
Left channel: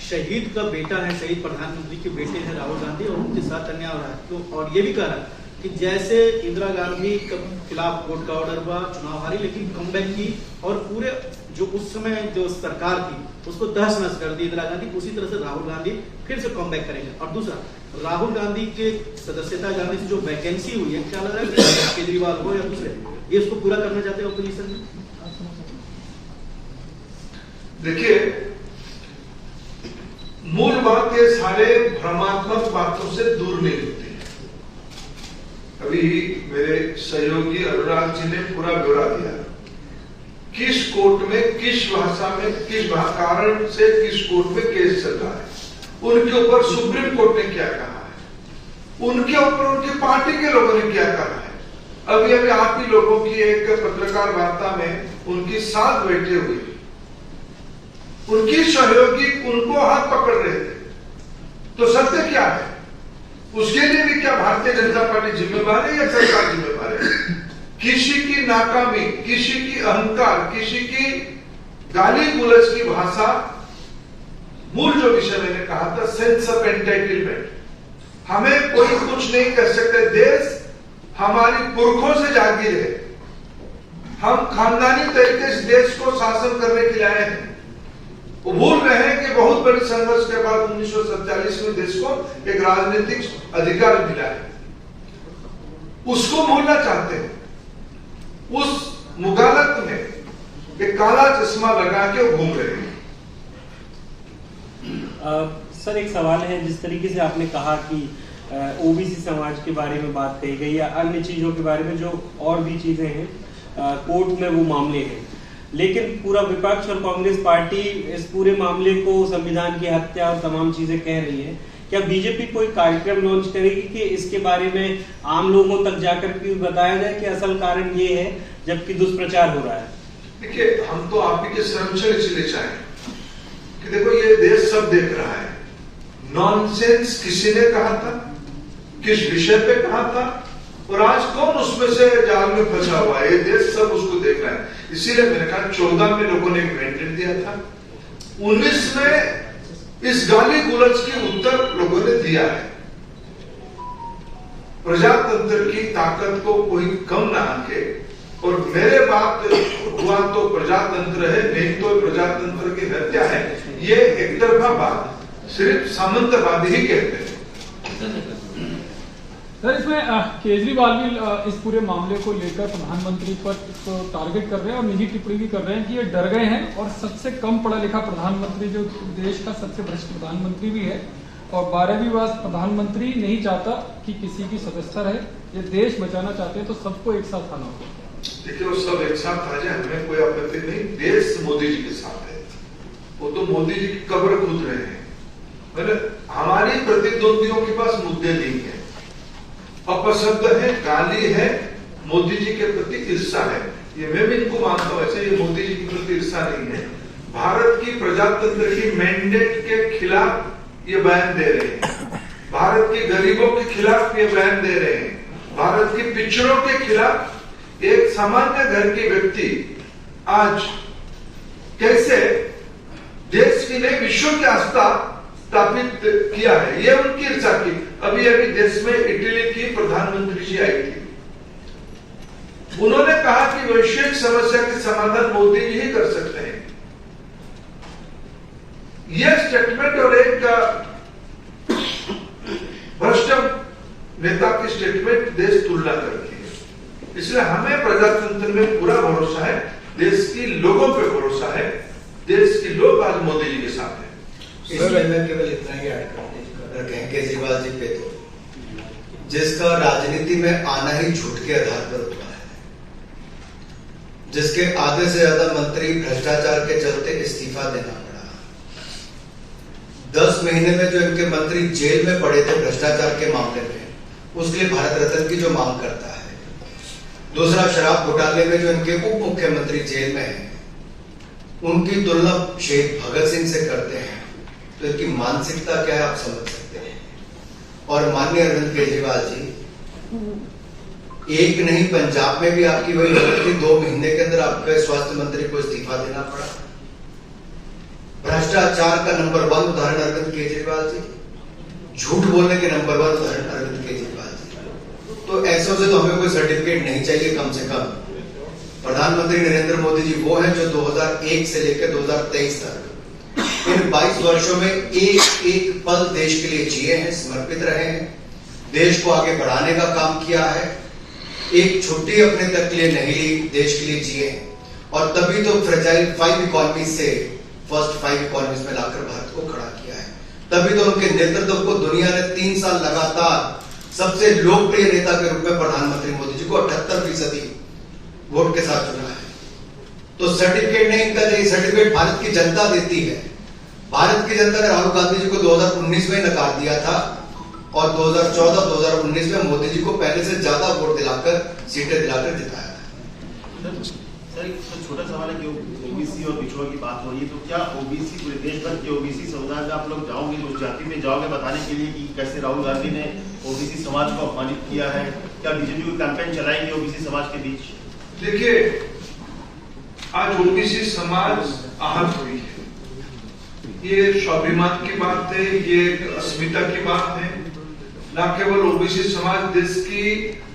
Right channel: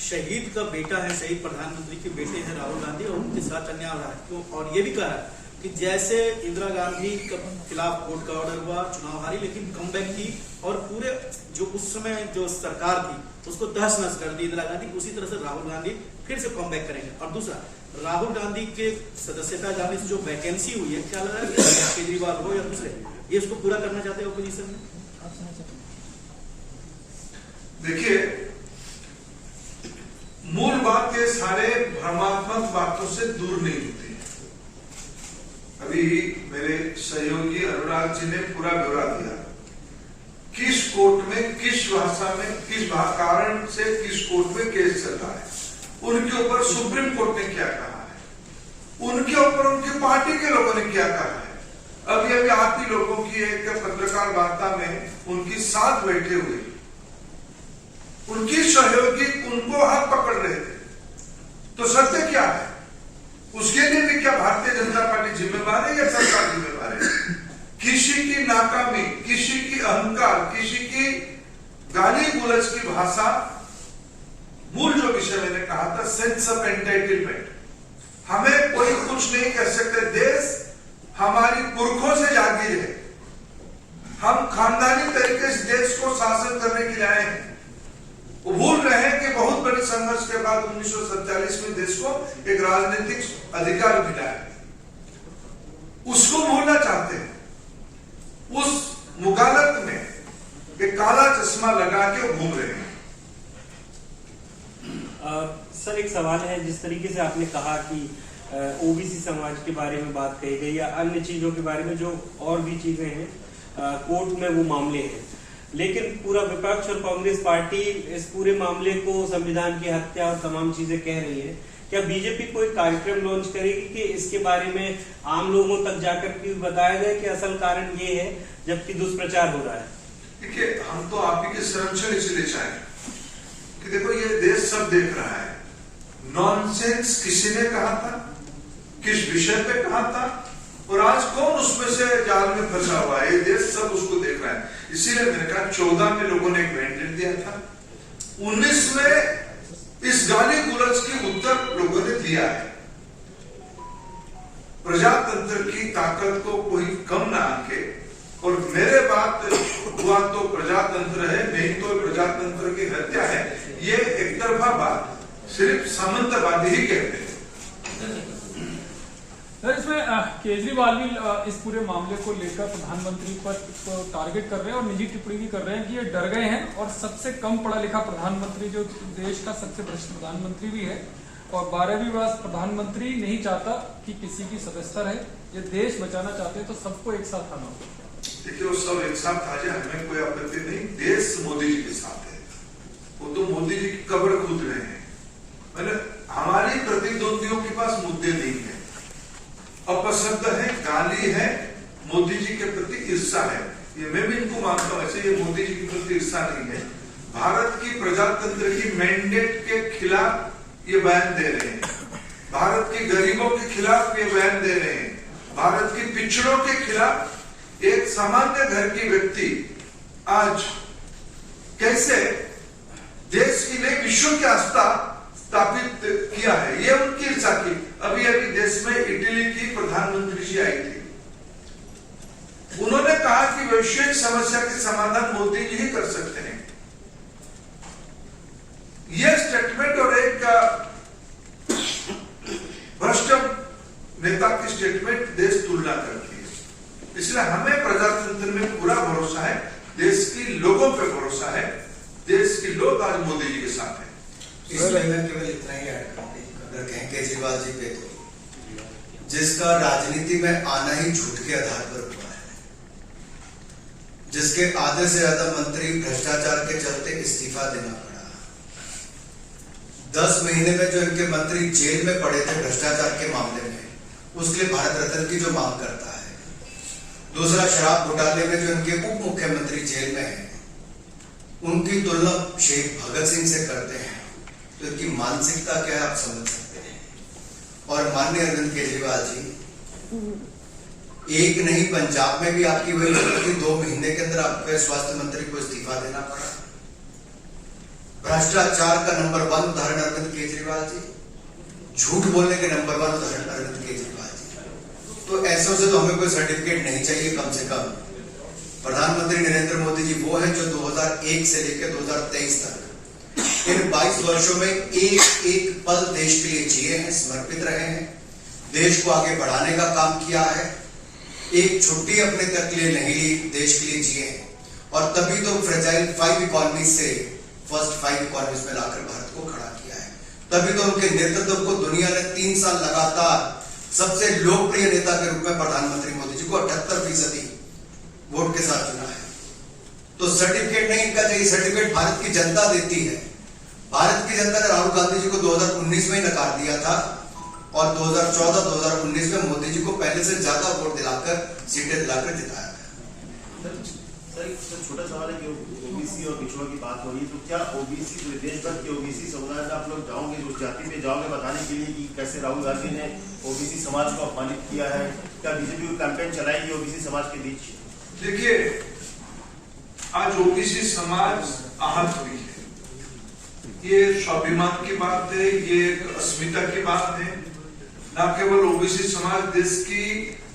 शहीद का बेटा है, शहीद प्रधानमंत्री के बेटे हैं राहुल गांधी, और उनके साथ अन्याय हो रहा है। और ये भी कह रहा है कि जैसे इंदिरा गांधी के खिलाफ कोर्ट का ऑर्डर हुआ, चुनाव हारी, लेकिन कमबैक की और पूरे जो उस समय जो सरकार थी उसको तहस नहस कर दी इंदिरा गांधी, उसी तरह से राहुल गांधी फिर से कमबैक करेंगे। और दूसरा राहुल गांधी के सदस्यता जाने से जो वैकेंसी हुई है, क्या लग रहा है केजरीवाल हो या दूसरे, ये इसको पूरा करना चाहते हैं ऑपोजिशन में? देखिए, मूल बात ये सारे भ्रमात्मक बातों से दूर नहीं होती है। अभी मेरे सहयोगी अनुराग जी ने पूरा ब्यौरा दिया, किस कोर्ट में, किस भाषा में, किस कारण से किस कोर्ट में केस चल रहा है, उनके ऊपर सुप्रीम कोर्ट ने क्या कहा है, उनके ऊपर उनकी पार्टी के लोगों ने क्या कहा है। अभी अभी आप ही लोगों की एक पत्रकार वार्ता में उनकी साथ बैठे हुए उनकी सहयोगी उनको हाथ पकड़ रहे थे, तो सत्य क्या है? उसके लिए भी क्या भारतीय जनता पार्टी जिम्मेवार है या सरकार जिम्मेवार है? किसी की नाकामी, किसी की अहंकार, किसी की गाली गुलज की भाषा, मूल जो विषय मैंने कहा था सेंस ऑफ एंटाइटलमेंट, हमें कोई कुछ नहीं कर सकते। देश हमारी पुरखों से जागीर है, हम खानदानी तरीके से देश को शासन करने के लिए आए हैं। वो भूल रहे हैं कि बहुत बड़ी संघर्ष के बाद 1947 में देश को एक राजनीतिक अधिकार मिला है, उसको भूलना चाहते हैं। उस मुगालत में एक काला चश्मा लगा के वो घूम रहे हैं। सर, एक सवाल है, जिस तरीके से आपने कहा कि ओबीसी समाज के बारे में बात कही गई या अन्य चीजों के बारे में जो और भी चीजें हैं, कोर्ट में वो मामले हैं, लेकिन पूरा विपक्ष और कांग्रेस पार्टी इस पूरे मामले को संविधान की हत्या और तमाम चीजें कह रही है। क्या बीजेपी कोई कार्यक्रम लॉन्च करेगी कि इसके बारे में आम लोगों तक जाकर के बताया जाए कि असल कारण ये है, जबकि दुष्प्रचार हो रहा है? देखिए, हम तो आप ही के श्रमशल इसलिए चाहें कि देखो, ये देश सब देख रहा है। नॉनसेंस किसी ने कहा था, किस विषय पे कहा था, और आज कौन उसमें से जाल में फंसा हुआ है, ये देश सब उसको देख रहा है। इसीलिए मैंने कहा 14 में लोगों ने एक मैंडेट दिया था, 19 में इस गाली गुलज के उत्तर लोगों ने दिया है। प्रजातंत्र की ताकत को कोई कम ना आके, और मेरे बात हुआ तो प्रजातंत्र है, नहीं तो प्रजातंत्र की हत्या है, ये एक तरफा बात सिर्फ सामंतवादी ही कहते हैं। सर, इसमें केजरीवाल भी इस पूरे मामले को लेकर प्रधानमंत्री पर टारगेट कर रहे हैं और निजी टिप्पणी भी कर रहे हैं कि ये डर गए हैं और सबसे कम पढ़ा लिखा प्रधानमंत्री, जो देश का सबसे भ्रष्ट प्रधानमंत्री भी है, और 12वीं वर्ष प्रधानमंत्री नहीं चाहता कि किसी की सदस्यता रहे, ये देश बचाना चाहते हैं, तो सबको एक साथ आना होगा। देखिए, वो सब एक साथ आ जाए, हमें कोई आपत्ति नहीं। देश मोदी जी के साथ है, वो तो मोदी जी की कब्र खोद रहे हैं। मैंने हमारी प्रतिद्वंदियों के पास मुद्दे नहीं है, अपशब्द है, गाली है, मोदी जी के प्रति ईर्षा है, ये मैं भी इनको मानता हूं। ऐसे ये मोदी जी के प्रति ईर्षा नहीं है, भारत की प्रजातंत्र की मैंडेट के खिलाफ ये बयान दे रहे हैं, भारत के गरीबों के खिलाफ ये बयान दे रहे हैं, भारत के पिछड़ों के खिलाफ। एक सामान्य घर के व्यक्ति आज कैसे देश की नहीं विश्व की आस्था स्थापित किया है, ये उनकी ईर्षा की। अभी अभी देश में इटली की प्रधानमंत्री जी आई थी, उन्होंने कहा कि वैश्विक समस्या के समाधान मोदी जी ही कर सकते हैं। यह स्टेटमेंट और एक भ्रष्ट नेता की स्टेटमेंट देश तुलना करती है। इसलिए हमें प्रजातंत्र में पूरा भरोसा है, देश की लोगों पे भरोसा है, देश के लोग आज मोदी जी के साथ हैं। इसमें मैं केवल इतना ही ऐड कर कहें केजरीवाल जी पे, तो जिसका राजनीति में आना ही झूठ के आधार पर हुआ है, जिसके आधे से ज्यादा मंत्री भ्रष्टाचार के चलते इस्तीफा देना पड़ा, 10 महीने में जो इनके मंत्री जेल में पड़े थे भ्रष्टाचार के मामले में, उसके लिए भारत रत्न की जो मांग करता है, दूसरा शराब घोटाले में जो इनके उप मुख्यमंत्री जेल में हैं, उनकी तुलना शहीद भगत सिंह से करते हैं, तो इनकी मानसिकता क्या है आप समझ सकते हैं। और माननीय अरविंद केजरीवाल जी, एक नहीं पंजाब में भी आपकी वही हालत थी, 2 महीने के अंदर आपके स्वास्थ्य मंत्री को इस्तीफा देना पड़ा। भ्रष्टाचार का नंबर 1 उदाहरण अरविंद केजरीवाल जी, झूठ बोलने के नंबर 1 उदाहरण अरविंद केजरीवाल जी। तो ऐसों से तो हमें कोई सर्टिफिकेट नहीं चाहिए, कम से कम प्रधानमंत्री नरेंद्र मोदी जी वो हैं जो 2001 से लेकर 2023 तक इन 22 वर्षों में एक एक पल देश के लिए जिए हैं, समर्पित रहे हैं, देश को आगे बढ़ाने का काम किया है, एक छुट्टी अपने तक के लिए नहीं ली, देश के लिए जिए हैं। और तभी तो फ्रेजाइल 5 इकोनॉमी से फर्स्ट 5 इकोनॉमीज में लाकर भारत को खड़ा किया है। तभी तो उनके नेतृत्व को दुनिया ने 3 साल लगातार सबसे लोकप्रिय नेता के रूप में प्रधानमंत्री मोदी जी को 78% वोट के साथ चुना है। तो सर्टिफिकेट नहीं इनका चाहिए, सर्टिफिकेट भारत की जनता देती है। भारत की जनता ने राहुल गांधी जी को 2019 में नकार दिया था और 2014-2019 में मोदी जी को पहले से ज्यादा वोट दिलाकर, सीटें दिलाकर जिताया था। सर एक छोटा सवाल है कि ओबीसी और पिछड़ों की बात हो रही है, तो क्या ओबीसी पूरे देश भर के ओबीसी समुदाय में आप लोग जाओगे, उस जाति में जाओगे बताने के लिए कि कैसे राहुल गांधी ने ओबीसी समाज को अपमानित किया है? क्या बीजेपी को कैंपेन चलाएंगे ओबीसी समाज के बीच? देखिए, आज ओबीसी समाज आहत हुई है, ये स्वाभिमान की बात है, ये अस्मिता की बात है। न केवल ओबीसी समाज, देश की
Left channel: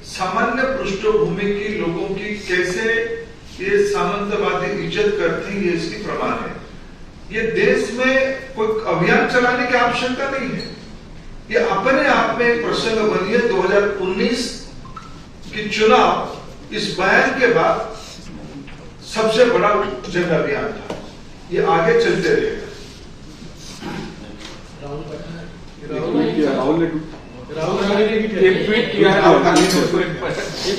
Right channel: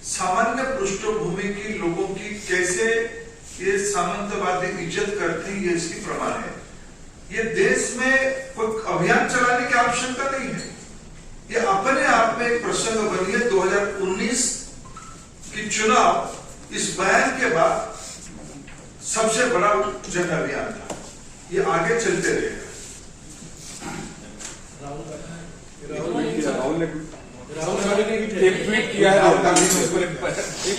सामान्य पृष्ठभूमि की लोगों की कैसे ये सामंतवादी इज्जत करते हैं, ये इसकी प्रमाण है। ये देश में कोई अभियान चलाने की आवश्यकता नहीं है, ये अपने आप में एक प्रसंग बनी है। 2019 की चुनाव इस बयान के बाद सबसे बड़ा जन अभियान था, ये आगे चलते रहेगा। राहुल गांधी ने भी एक ट्वीट किया है, राहुल गांधी ने उसको एक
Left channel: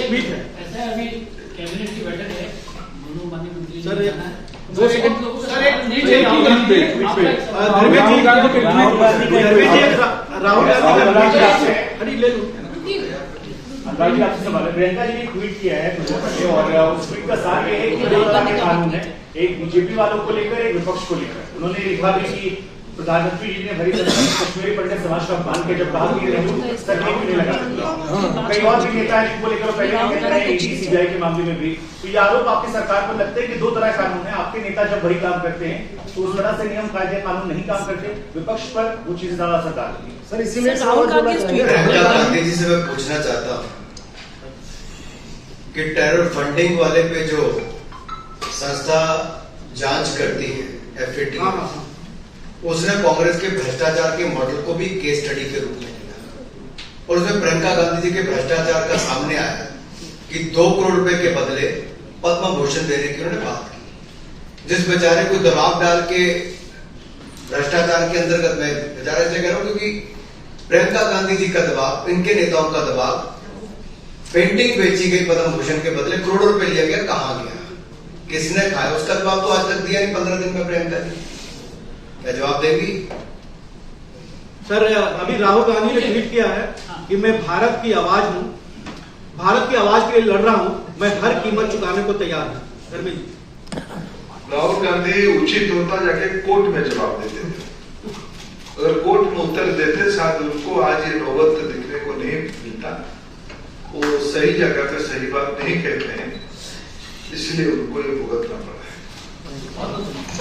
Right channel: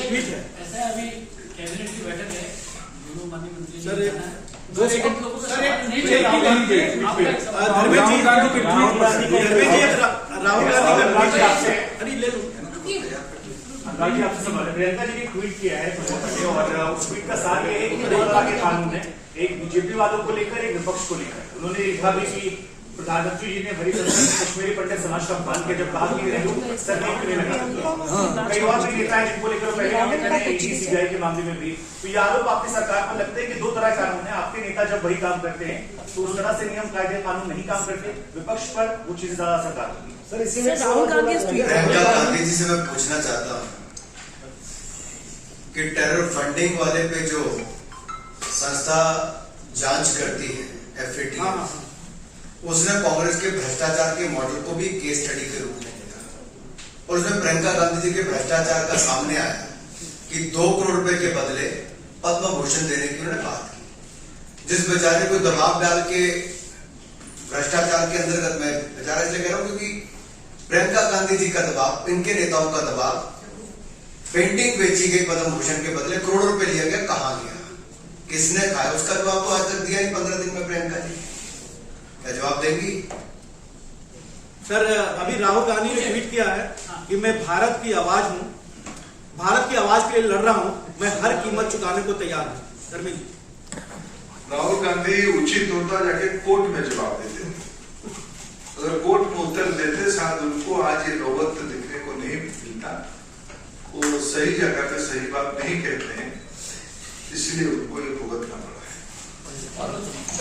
ट्वीट है ऐसा है। अभी कैबिनेट की बैठक है, दोनों माननीय मंत्री सर, जी जाना है, दो तो सेकंड लोगों का सर, सवाल एक नहीं एक ही चाहिए। नहीं पे आपका एक सवाल। राहुल गांधी के राहुल गांधी अरे ले लो। अनुराग जी आपसे सवाल है। प्रियंका जी ने ट्वीट किया है कुछ पहले और उस ट्वीट का सार ये है कि 2 तरह के कानून है, एक बीजेपी वालों को लेकर, एक विपक्ष को लेकर। उन्होंने लिखा भी कि प्रधानमंत्री जी ने भरी कश्मीरी पंडित समाज का अपमान किया, जब कहा कि सर क्यों नहीं लगा। कई और भी नेता है जिनको लेकर पहले कहते हैं ईडी सीबीआई के मामले में भी। तो ये आरोप आपकी सरकार पर लगता है कि 2 तरह कानून है, आपके नेता जब वही काम करते हैं तो उस तरह से नियम कायदे कानून नहीं काम करते, विपक्ष पर वो चीजें ज्यादा असरदार होती है। सर इसीलिए प्रियंका गांधी जी से मैं पूछना चाहता हूँ कि टेरर फंडिंग वाले पे जो संस्था जांच करती है, FATF, उसने कांग्रेस के भ्रष्टाचार के मॉडल को भी केस स्टडी के रूप में लिया और उसमें प्रियंका गांधी जी के भ्रष्टाचार का सामने आया कि 2 करोड़ रुपए के बदले पद्म भूषण देने की उन्होंने बात की। जिस बेचारे को दबाव डाल के भ्रष्टाचार के अंतर्गत, मैं बेचारा इसलिए कह रहा हूं क्योंकि प्रियंका गांधी जी का दबाव, इनके नेताओं का दबाव, पेंटिंग बेची गई पद्म भूषण के बदले करोड़ों रुपए लिया गया, कहां गया, किसने खाया, उसका जवाब तो आज तक दिया नहीं। 15 दिन में प्रियंका जी क्या जवाब देंगी? सर अभी राहुल गांधी ने ट्वीट किया है कि मैं भारत की आवाज हूं, भारत की आवाज के लिए लड़ रहा हूं, मैं हर कीमत चुकाने को तैयार हूं। धर्मेंद्र, राहुल गांधी उचित होता जाके कोर्ट में जवाब देते थे, अगर कोर्ट में उत्तर देते शायद उनको आज ये नौबत दिखने को नहीं मिलता। वो सही जगह पे सही बात नहीं कहते हैं, इसलिए उनको ये भुगतना पड़ा है।